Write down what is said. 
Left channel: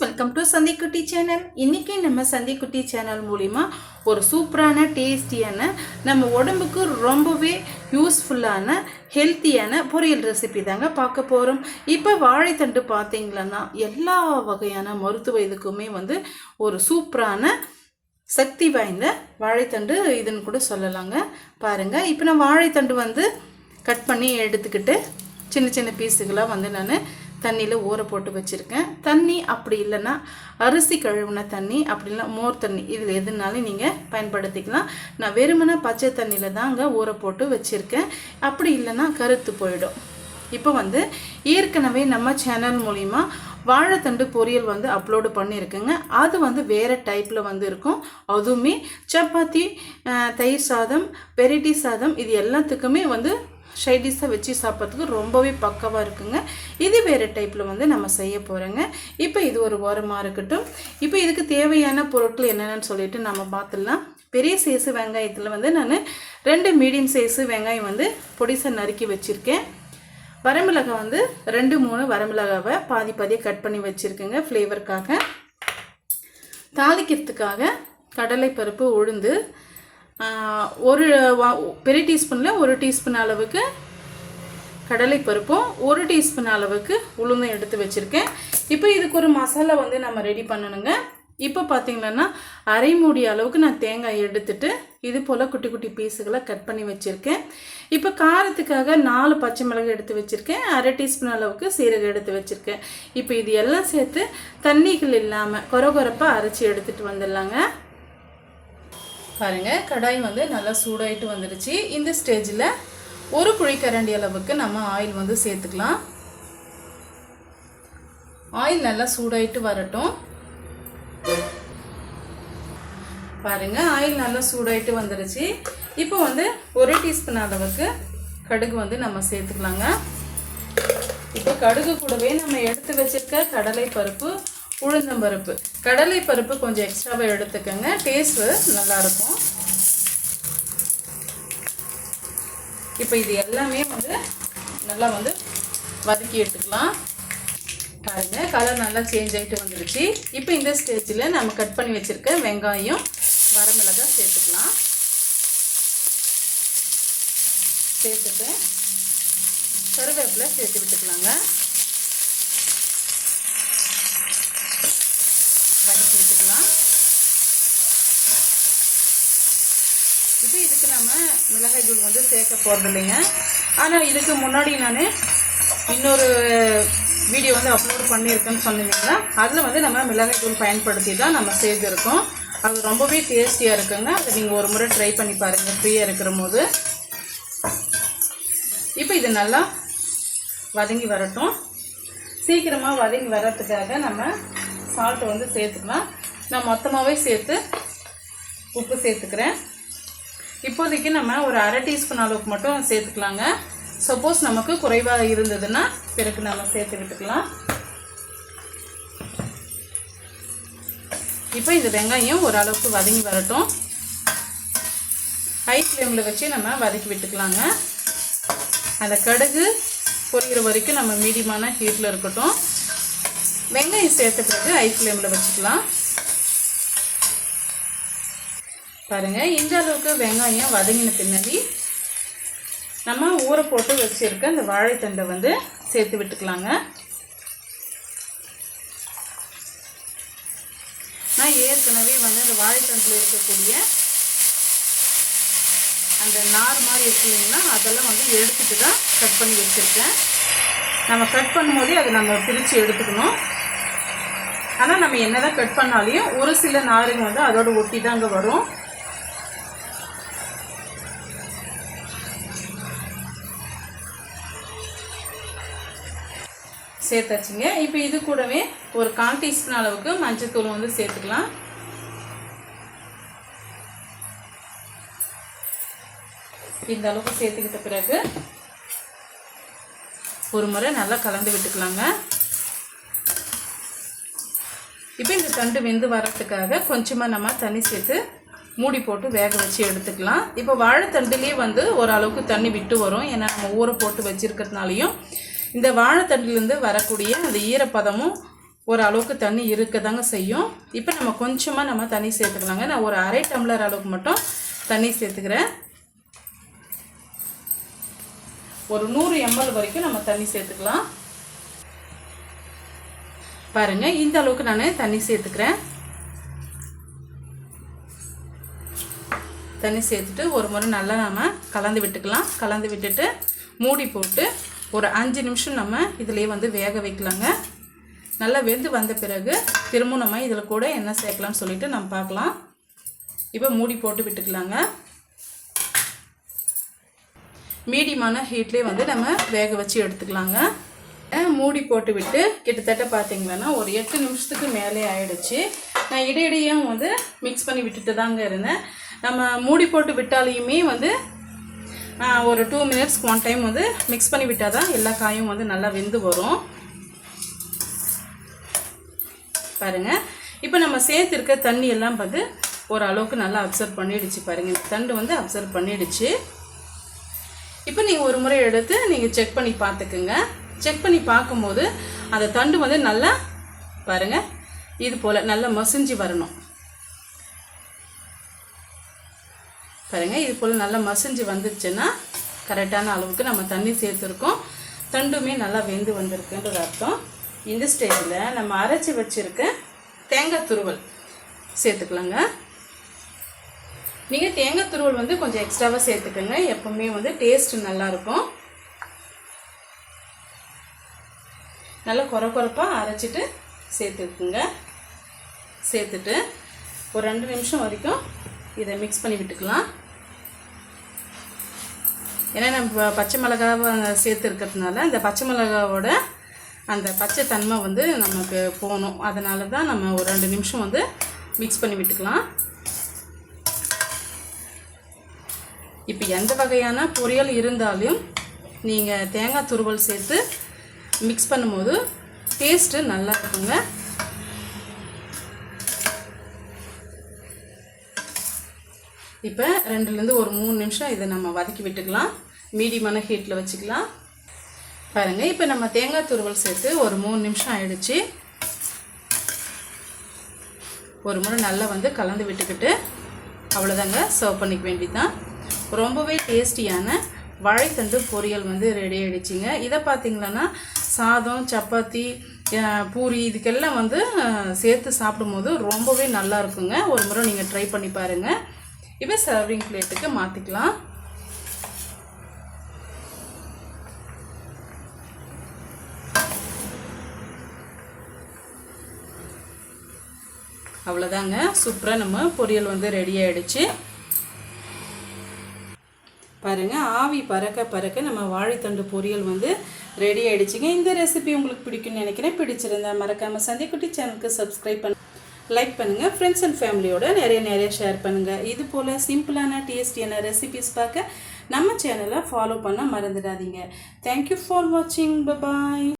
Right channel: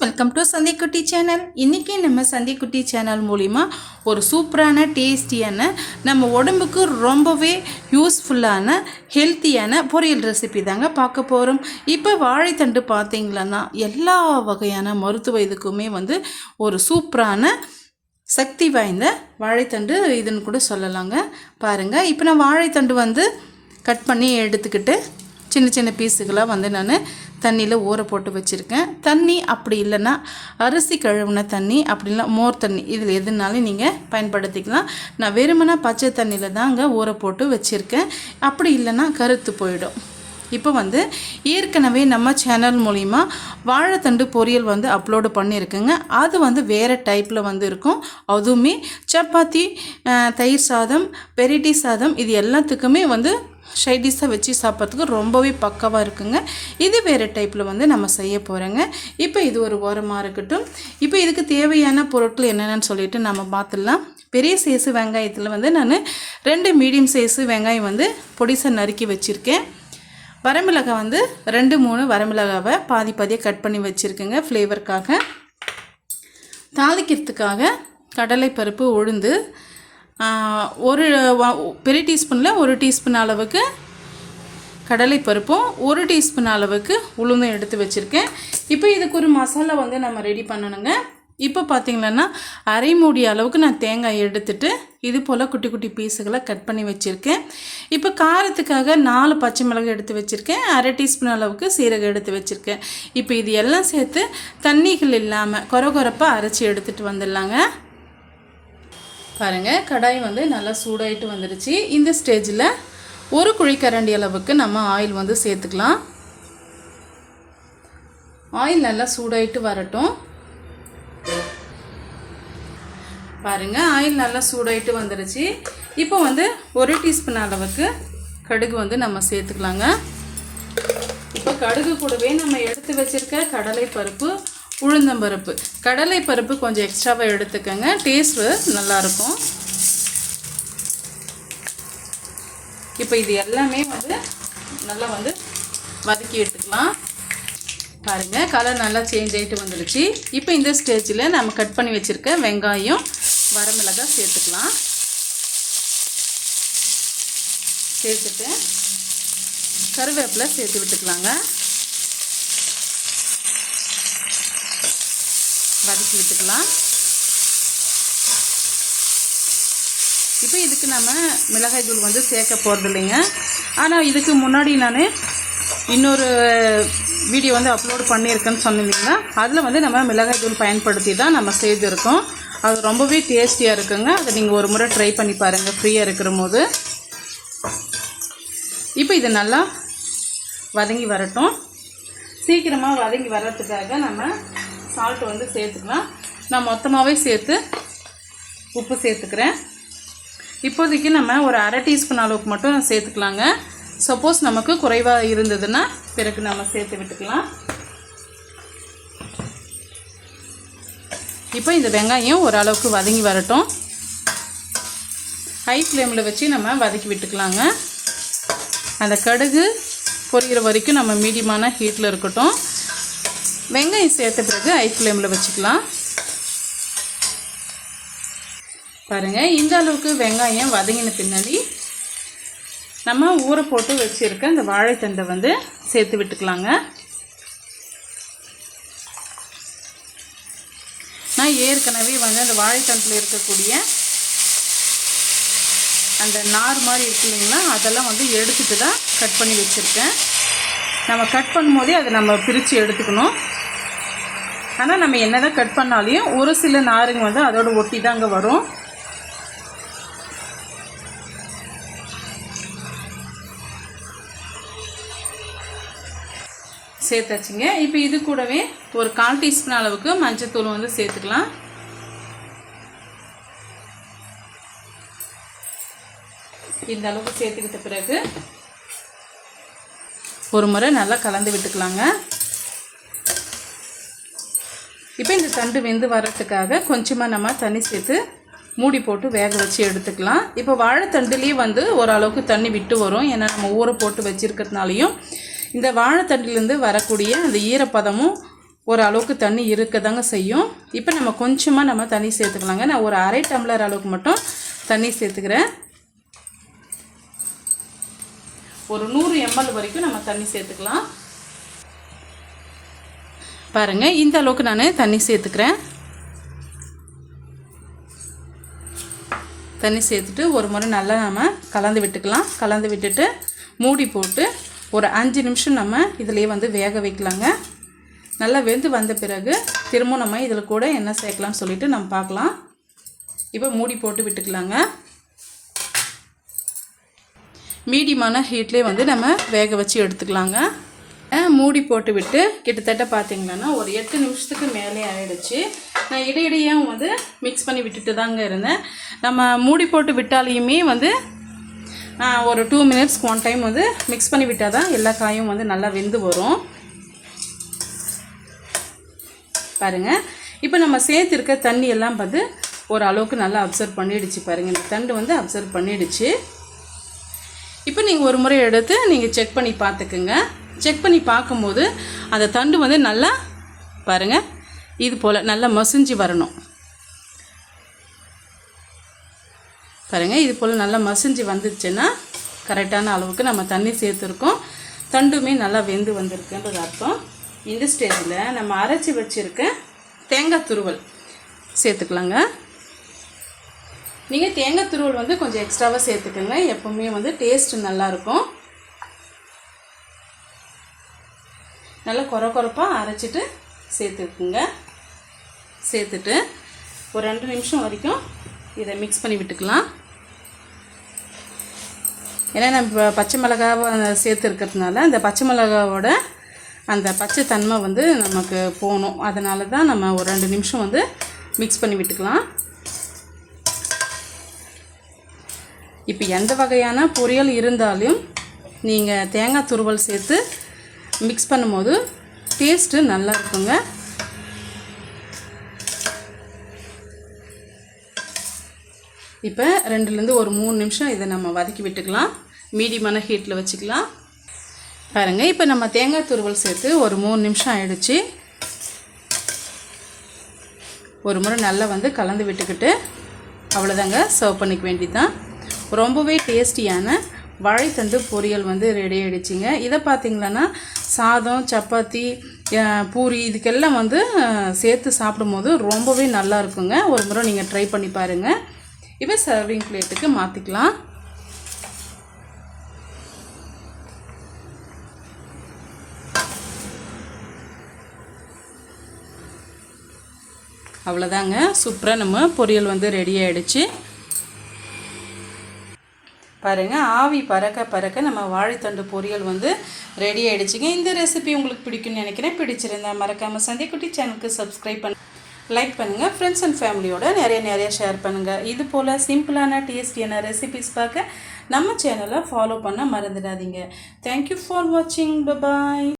Welcome to சந்திக்குட்டி channel இன்றைக்கி நம்ம சந்திக்குட்டி channel மூலிமா ஒரு சூப்பரான டேஸ்டியான நம்ம உடம்புக்கு ரொம்பவே யூஸ்ஃபுல்லான ஹெல்த்தியான பொரியல் ரெசிபி தாங்க பார்க்க போகிறோம் இப்போ வாழைத்தண்டு பார்த்தீங்களன்னா எல்லா வகையான மருத்துவ இதுக்குமே வந்து ஒரு சூப்பரான சக்தி வாய்ந்த வாழைத்தண்டு இதுன்னு கூட சொல்லலாங்க. பாருங்கள் இப்போ நான் வாழைத்தண்டு வந்து கட் பண்ணி எடுத்துக்கிட்டு சின்ன சின்ன பீஸுகளாக வந்து நான் தண்ணியில் ஊற போட்டு வச்சுருக்கேன். தண்ணி அப்படி இல்லைன்னா அரிசி கழுவுன தண்ணி அப்படி இல்லை மோர் தண்ணி இதில் எதுனாலும் நீங்கள் பயன்படுத்திக்கலாம். நான் வெறுமனா பச்சை தண்ணியில் தாங்க ஊற போட்டு வச்சுருக்கேன். அப்படி இல்லைன்னா கருத்து போயிடும். இப்போ வந்து ஏற்கனவே நம்ம சேனல் மூலிமா வாழைத்தண்டு பொரியல் வந்து அப்லோடு பண்ணியிருக்குங்க. அது வந்து வேறு டைப்பில் வந்து இருக்கும். அதுவுமே சப்பாத்தி தயிர் சாதம் பெரிட்டி சாதம் இது எல்லாத்துக்குமே வந்து ஷைடிஷாக வச்சு சாப்பிட்றதுக்கு ரொம்பவே பக்கவாக இருக்குங்க. இது வேறு டைப்பில் வந்து நம்ம செய்ய போகிறோங்க இப்போ இது ஒரு ஓரமாக இருக்கட்டும். இப்போ இதுக்கு தேவையான பொருட்கள் என்னென்னு சொல்லிட்டு நம்ம பார்த்துடலாம் பெரிய சைஸு வெங்காயத்தில் வந்து நான் ரெண்டு மீடியம் சைஸு வெங்காயம் வந்து பொடிசை நறுக்கி வச்சுருக்கேன். வரமிளகாய் வந்து ரெண்டு மூணு வரமிளகாவை பாதி பாதியாக கட் பண்ணி வச்சுருக்கேங்க ஃப்ளேவருக்காக தாளிக்கிறதுக்காக கடலைப்பருப்பு உளுந்து ஒரு பெரிய டீஸ்பூனில் ஒரு டீஸ்பூன் அளவுக்கு கடலைப்பருப்பும் ஒரு டீஸ்பூன் அளவுக்கு உளுந்தும் எடுத்து வச்சுருக்கேன். இப்போ இதுக்கு ஒரு மசாலா வந்து நம்ம ரெடி பண்ணணுங்க. இப்போ பார்த்தீங்கன்னா அரை மூடி அளவுக்கு நான் தேங்காய் எடுத்துட்டு இது போல் குட்டி குட்டி பீஸுகளை கட் பண்ணி வச்சுருக்கேன். இப்போ காரத்துக்காக நாலு பச்சை மிளகு எடுத்து வச்சுருக்கேன். அரை டீஸ்பூன் அளவுக்கு சீரகம் எடுத்து வச்சுருக்கேன். இப்போ இது எல்லாம் சேர்த்து தண்ணிகள் இல்லாமல் கொரகொரப்பாக அரைச்சி எடுத்துகிட்டு வந்துடலாங்க. பாருங்கள் கடாய் வந்து நல்லா சூடாயிட்டு வந்துடுச்சு இந்த ஸ்டேஜில் ஒரு குழிக்கரண்டி அளவுக்கு நம்ம ஆயில் வந்து சேர்த்துக்கலாம். ஆயில் நல்லா சூடாயிட்டு வரட்டும். பாருங்க ஆயில் நல்லா சூடாயிட்டு வந்துடுச்சு இப்போ வந்து ஒரு டீஸ்பூன் அளவுக்கு கடுகு வந்து நம்ம சேர்த்துக்கலாங்க. இப்போ கடுகு கூடவே நம்ம எடுத்து வச்சிருக்க கடலை பருப்பு உளுந்தம்பருப்பு கடலை பருப்பு கொஞ்சம் எக்ஸ்ட்ராவாக எடுத்துக்கோங்க. டேஸ்ட்டு நல்லாயிருக்கும். இப்போ இது எல்லாமே வந்து நல்லா வந்து வதக்கி எடுத்துக்கலாம். பாருங்கள் கலர் நல்லா சேஞ்ச் ஆகிட்டு வந்துடுச்சு இப்போ இந்த ஸ்டேஜில் நம்ம கட் பண்ணி வச்சுருக்க வெங்காயம் வரமிளகாய் சேர்த்துக்கலாம். சேர்த்துட்டு கருவேப்பிலை சேர்த்து விட்டுக்கலாங்க. வதக்கி விட்டுக்கலாம். இப்போ இதுக்கு நம்ம மிளகாய் தூள் வந்து சேர்க்க போகிறது இல்லைங்க ஆனால் இதுக்கு முன்னாடி நான் இன்னொரு வீடியோ வந்து அப்லோட் பண்ணியிருக்கேன்னு சொன்னீங்கன்னா அதில் வந்து நம்ம மிளகாய் தூள் பயன்படுத்தி தான் நம்ம செய்திருக்கோம். அது ரொம்பவே டேஸ்டியாக இருக்குங்க. அதை நீங்கள் ஒரு முறை ட்ரை பண்ணி பாருங்கள் ஃப்ரீயாக இருக்கிற போது. இப்போ இது நல்லா வதங்கி வரட்டும். சீக்கிரமாக வதங்கி வர்றதுக்காக நம்ம சால்ட் வந்து சேர்த்துக்கலாம். நான் மொத்தமாகவே சேர்த்து உப்பு சேர்த்துக்கிறேன். இப்போதைக்கு நம்ம ஒரு அரை டீஸ்பூன் அளவுக்கு மட்டும் நான் சேர்த்துக்கலாங்க. சப்போஸ் நமக்கு குறைவாக இருந்ததுன்னா பிறகு நம்ம சேர்த்து விட்டுக்கலாம். இப்போ இந்த வெங்காயம் ஓரளவுக்கு வதங்கி வரட்டும். ஹை ஃப்ளேமில் வச்சு நம்ம வதக்கி விட்டுக்கலாங்க. அந்த கடுகு பொரிகிற வரைக்கும் நம்ம மீடியமான ஹீட்டில் இருக்கட்டும். வெங்காயம் சேர்த்த பிறகு ஹை ஃப்ளேமில் வச்சுக்கலாம். பாருங்கள் இந்த அளவுக்கு வெங்காயம் வதங்கின பின்னாடி நம்ம ஊற போட்டு வச்சுருக்க இந்த வாழைத்தண்டை வந்து சேர்த்து விட்டுக்கலாங்க. நான் ஏற்கனவே வந்து அந்த வாழைத்தண்டில் இருக்கக்கூடிய அந்த நார் மாதிரி இருக்கு இல்லைங்களா அதெல்லாம் வந்து எடுத்துட்டு தான் கட் பண்ணி வச்சுருக்கேன். நம்ம கட் பண்ணும்போதே அதை நம்ம பிரித்து எடுத்துக்கணும். ஆனால் நம்ம என்னதான் கட் பண்ணாலையும் ஒரு சில நாருங்க வந்து அதோட ஒட்டி தாங்க வரும். சேர்த்தாச்சுங்க. இப்போ இது கூடவே ஒரு கால் டீஸ்பூன் அளவுக்கு மஞ்சத்தூள் வந்து சேர்த்துக்கலாம். இந்த அளவுக்கு சேர்த்துக்கிட்ட பிறகு ஒரு முறை நல்லா கலந்து விட்டுக்கலாங்க. இப்போ இந்த தண்டு வெந்து வரத்துக்காக கொஞ்சமாக நம்ம தண்ணி சேர்த்து மூடி போட்டு வேக வச்சு எடுத்துக்கலாம். இப்போ வாழைத்தண்டுலேயே வந்து ஓரளவுக்கு தண்ணி விட்டு வரும். ஏன்னா நம்ம ஊற போட்டு வச்சுருக்கிறதுனாலையும் இந்த வாழைத்தண்டிலேருந்து வரக்கூடிய அந்த ஈரப்பதமும் ஒரு அளவுக்கு தண்ணி இருக்க தாங்க செய்யும். இப்போ நம்ம கொஞ்சமாக நம்ம தண்ணி சேர்த்துக்கலாங்க. நான் ஒரு அரை டம்ளர் அளவுக்கு மட்டும் தண்ணி சேர்த்துக்கிறேன். ஒரு நூறு எம்எல் வரைக்கும் நம்ம தண்ணி சேர்த்துக்கலாம். பாருங்கள் இந்த அளவுக்கு நான் தண்ணி சேர்த்துக்கிறேன். தண்ணி சேர்த்துட்டு ஒரு முறை நல்லா நம்ம கலந்து விட்டுக்கலாம். கலந்து விட்டுட்டு மூடி போட்டு ஒரு அஞ்சு நிமிஷம் நம்ம இதிலேயே வந்து வேக வைக்கலாங்க. நல்லா வெந்து வந்த பிறகு திரும்ப நம்ம இதில் கூட என்ன சேர்க்கலாம்னு சொல்லிட்டு நம்ம பார்க்கலாம். இப்போ மூடி போட்டு விட்டுக்கலாங்க. மீடியமான ஹீட்லேயே வந்து நம்ம வேக வச்சு எடுத்துக்கலாங்க. மூடி போட்டு விட்டு கிட்டத்தட்ட பார்த்தீங்கன்னா ஒரு எட்டு நிமிஷத்துக்கு மேலே ஆயிடுச்சு. நான் இடையிடையே வந்து மிக்ஸ் பண்ணி விட்டுட்டு தாங்க இருந்தேன். நம்ம மூடி போட்டு விட்டாலையுமே வந்து ஒரு டூ மினிட்ஸ் ஒன் டைம் வந்து மிக்ஸ் பண்ணி விட்டால் தான் எல்லா காயும் வந்து நல்லா வெந்து வரும். பாருங்க. இப்போ நம்ம சேர்த்துருக்க தண்ணி எல்லாம் பார்த்து ஒரு அளவுக்கு நல்லா அப்சர்வ் பண்ணிடுச்சு பாருங்கள் இந்த தண்டு வந்து அப்சர்வ் பண்ணிடுச்சு. இப்போ நீங்கள் ஒரு முறை எடுத்து நீங்கள் செக் பண்ணி பார்த்துக்குங்க. செக் பண்ணி பார்க்கும்போது அந்த தண்டு வந்து நல்லா பாருங்கள் இது போல் நல்லா மசிஞ்சு வரணும். பாருங்கள் இது போல் நல்லா மசிஞ்சு வந்துருச்சுன்னா கரெக்டான அளவுக்கு நம்ம தண்ணி சேர்த்துருக்கோம். தண்டுமே நல்லா வெந்து வந்திருக்குன்றது அர்த்தம். இந்த ஸ்டேஜில் நம்ம அரைச்சி வச்சுருக்க தேங்காய் துருவல் சேர்த்துக்கலாங்க. நீங்கள் தேங்காய் துருவல் வந்து கொஞ்சம் எக்ஸ்ட்ராவாக சேர்த்துக்கோங்க. எப்போவுமே வந்து டேஸ்ட் நல்லாயிருக்கும். நல்லா குறை குறைப்பாக அரைச்சிட்டு சேர்த்துக்குங்க. சேர்த்துட்டு ஒரு ரெண்டு நிமிஷம் வரைக்கும் இதை மிக்ஸ் பண்ணி விட்டுக்கலாம். ஏன்னா நம்ம பச்சை மிளகாவும் சேர்த்து இருக்கிறதுனால அந்த பச்சை மிளகாவோட அந்த பச்சை தன்மை வந்து நமக்கு போகணும். அதனால தான் நம்ம ஒரு ரெண்டு நிமிஷம் வந்து மிக்ஸ் பண்ணி விட்டுக்கலாம். இப்போ எந்த வகையான பொரியல் இருந்தாலும் நீங்கள் தேங்காய் துருவல் சேர்த்து மிக்ஸ் பண்ணும்போது டேஸ்ட்டு நல்லா இருக்குங்க. இப்போ ரெண்டுலேருந்து ஒரு மூணு நிமிஷம் இதை நம்ம வதக்கி விட்டுக்கலாம். மீடியமான ஹீட்டில் வச்சுக்கலாம். பாருங்க இப்போ நம்ம தேங்காய் துருவல் சேர்த்து ஒரு மூணு நிமிஷம் ஆயிடுச்சு. ஒரு முறை நல்லா வந்து கலந்து விட்டுக்கிட்டு அவ்வளோதாங்க சர்வ் பண்ணிக்க வேண்டியதுதான். ரொம்பவே டேஸ்டியான வாழைத்தண்டு பொரியல் வந்து ரெடி ஆகிடுச்சிங்க இதை பார்த்தீங்கன்னா சாதம் சப்பாத்தி பூரி இதுக்கெல்லாம் வந்து சேர்த்து சேர்த்து சாப்பிடும்போது ரொம்பவே நல்லா இருக்குங்க. ஒரு முறை நீங்கள் ட்ரை பண்ணி பாருங்கள் இப்போ சர்விங் பிளேட்டுக்கு மாற்றிக்கலாம் அவ்வளோதாங்க சூப்பராக நம்ம பொரியல் வந்து ரெடி ஆகிடுச்சு பாருங்க ஆவி பறக்க பறக்க நம்ம வாழைத்தண்டு பொரியல் வந்து ரெடி ஆகிடுச்சிங்க இந்த ரெசிபி உங்களுக்கு பிடிக்கும்னு நினைக்கிறேன். பிடிச்சிருந்தா மறக்காமல் சந்திக்குட்டி சேனலுக்கு சப்ஸ்கிரைப் பண்ண லைக் பண்ணுங்கள் ஃப்ரெண்ட்ஸ் அண்ட் ஃபேமிலியோட நிறைய நிறைய ஷேர் பண்ணுங்கள் இது போல் சிம்பிளான டேஸ்டியான ரெசிபிஸ் பார்க்க நம்ம சேனலை ஃபாலோ பண்ண மறந்துடாதீங்க. தேங்க்யூ ஃபார் வாட்சிங் பபாய்